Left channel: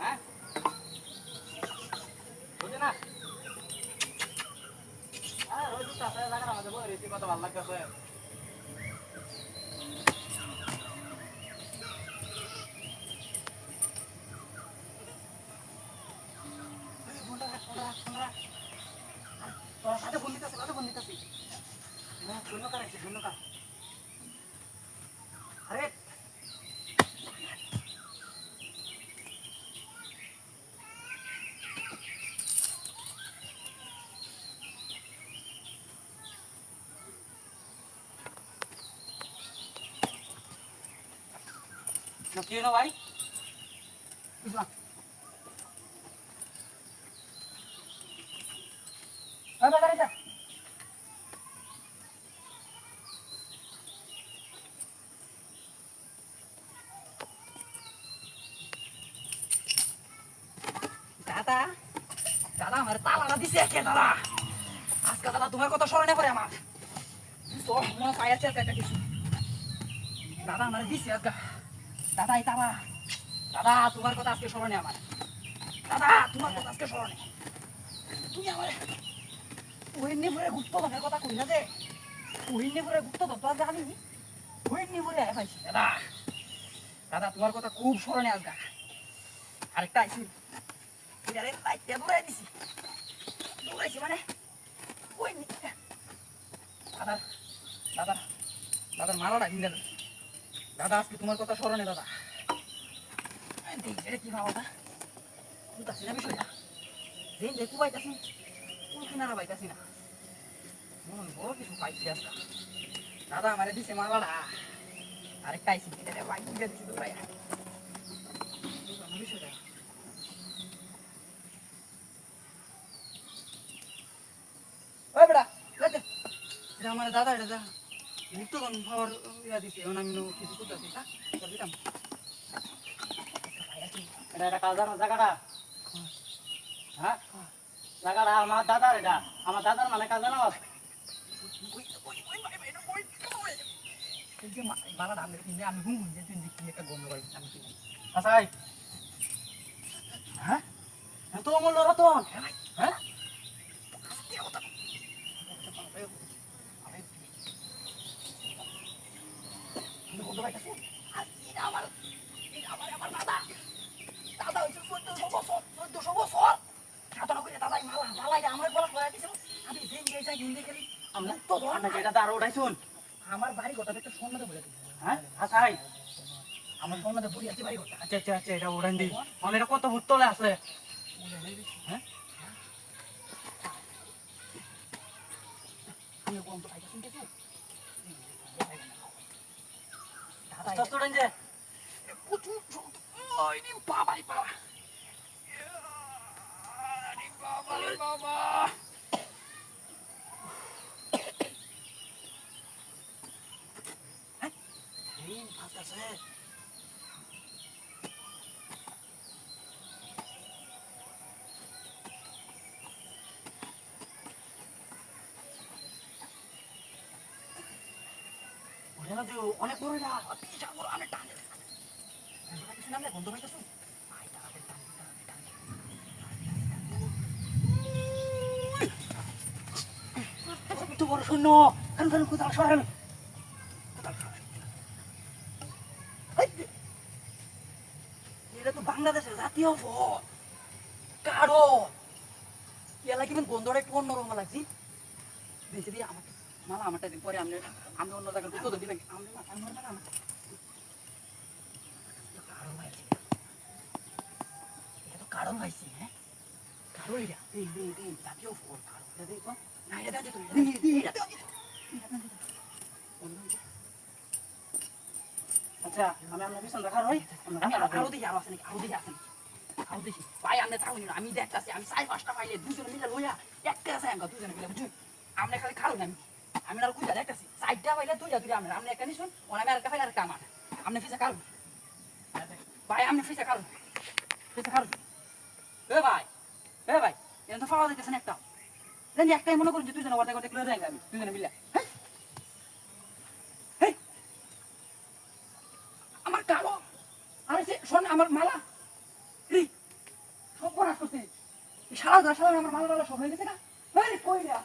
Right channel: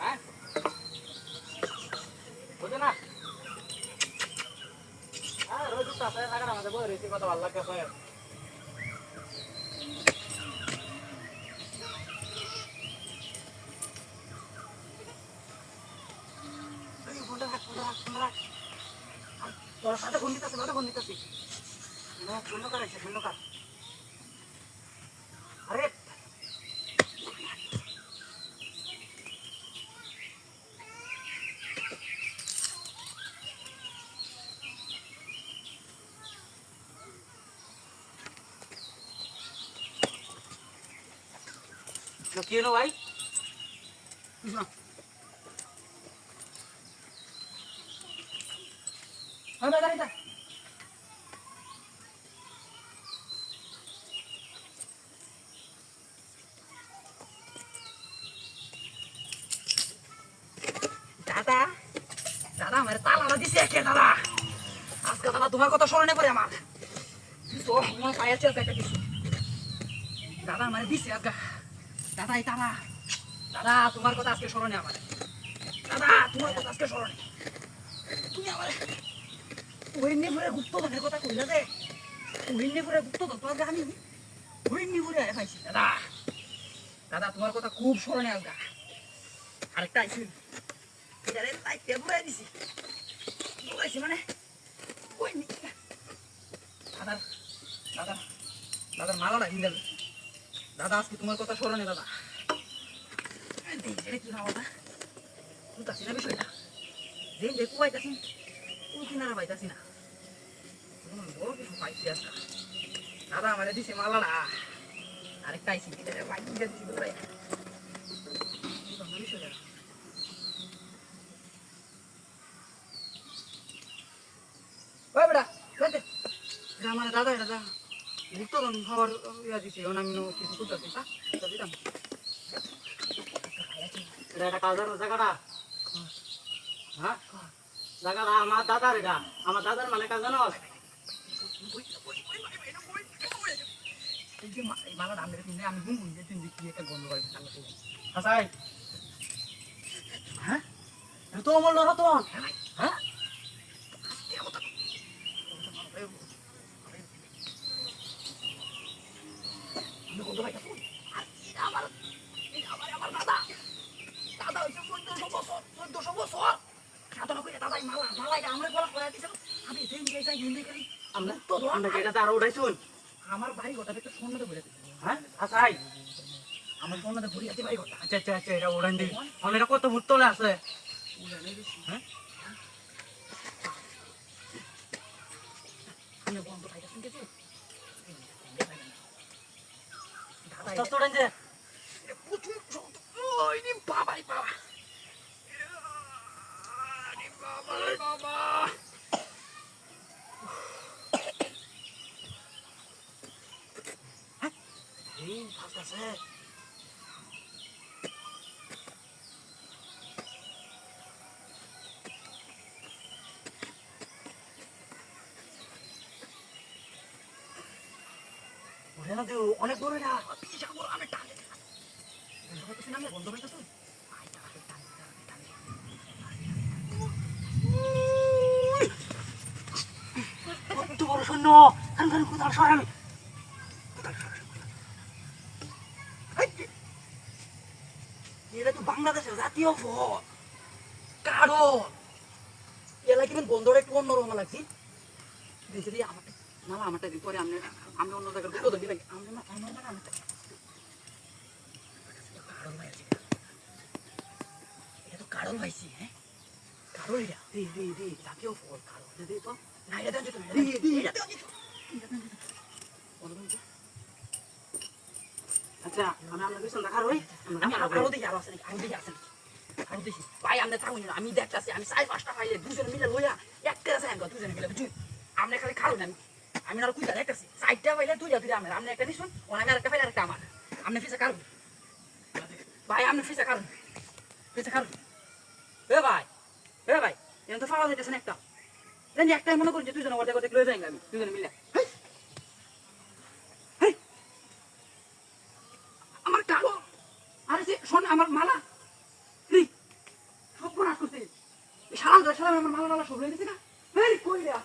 হ্যাঁ বুঝো না রোজ তারপরে আমাদের বলে রীতি কথা ভালো লাগছে তোর সাথে বন্ধু আছে শূন্য কার আছে শূন্য কার আরে কি হলো ভাই দাদা দাদা আমার তালাটা দিছে কে দাদা আজকে দাদা তোমার কথা স্মরণে পড়ে আমার মনে পাইছে আজকে একটা কিছু দাদা আমার দিছে আজকে দাদা এই তালা দাদা তোমার কথা আজকে স্মরণে আমার দাদা তোমার কথা আজকে স্মরণে তুমি আমার হরিণীপুরে গুপ্ত ধনের কথা কই না যে হরিণীপুরে গুপ্ত ধর আমি হরিণীপুরে পাইছি দাদা দাদা তোমার কথা খুব স্মরণে আজকে আরেকটা আইছি এটারে লাইটে পুরাই দিছি দৌড়াইছি মানে ওই দাদা দাদা দাদার মালাটা কিনে দেবে দাদা আজকে তোমার কথা স্মরণে দাদা কি খাওয়া না বুঝতেছি না বিষয়টা দিন দেখু পাইতাছি কোনো কিনারা পাইতাছি না বড় কিছু পাইছি আজকে দাদা আমারে দিছে মালাটা আরেকটা আইছি বাইক দিছি দৌড়াই বিষয়টা ওই বেটা দেখে এটা আমার দাদা এটা মুক্ত খাবার ইয়া দিছে এখন আমি কিছু করতেছি হ্যাঁ দিতাম এটা একটা কাজ জায়গাটা হ্যাঁ জায়গাটা আমার দাদার এটা আমার দাদার মানে কাজ জানো আমি কি একটা গন্ধ করি আসাই হ্যাঁ তো আমার লড়া তো হ্যাঁ আমার বাড়ি ঘরটা একটু সন্ন্যতে বলে হ্যাঁ আসাই আমার সন্ন্যতে পড়ি আছে বাড়ি ঘরটা আচ্ছা আচ্ছা আচ্ছা এটা ওড়ান দিই আমি এটা কত ভূত তলে আছে হ্যাঁ অনেক বড় না বিশাল বড় আমি টানে নামলে বন্ধ হয়ে গেছে একটু বড় শূন্য কারণ কারণ কোথাও সরান এটা তো বাংলাদেশের জাতীয় ফল কারো এলা কিন্তু বন্ধটা একটু অন্যরকম লাগছি দেখে দিয়ে আমাকে না আমারটা দিন পরে আমি অন্য জায়গায় ঢুকে দিই নাকি আমি এটা তো কারণ পাইছি হ্যাঁ কারো এটা এই জাতীয় ফল কারো না দে তো না এটা দেন এটা আচ্ছা আমি আপনার পিছন দেখা রই আমি আরো দেখি আরো দেখি ভাই আপনি থাকুন আমি দেখতেছি আমি 4-5টা পাইলে দুজনে মিলে লইয়া একটা আছে আমি দুজনে মিলে বুঝুন আপনি খালি খারুন আমি আর কুইটা দেখতেছি 4টা পাইলে দুইটা আপনি একটা নিশুন ওর আমি আরেকটা পাইলে আরেকটা আমার আপনি ফিসা খারুন ভাই আপনি ফিসা খারুন এ ভাই এখন তো পাওয়া যাইতেছে না একটা একটাই মনে করুন যে দুজনে অর্ধেক লয়ে যাই আমি দুজনে মিলে শোন আমার মালা এই সব বনাস করতে সারা আমার মালা টালা সব হয়ে গেছে না কই না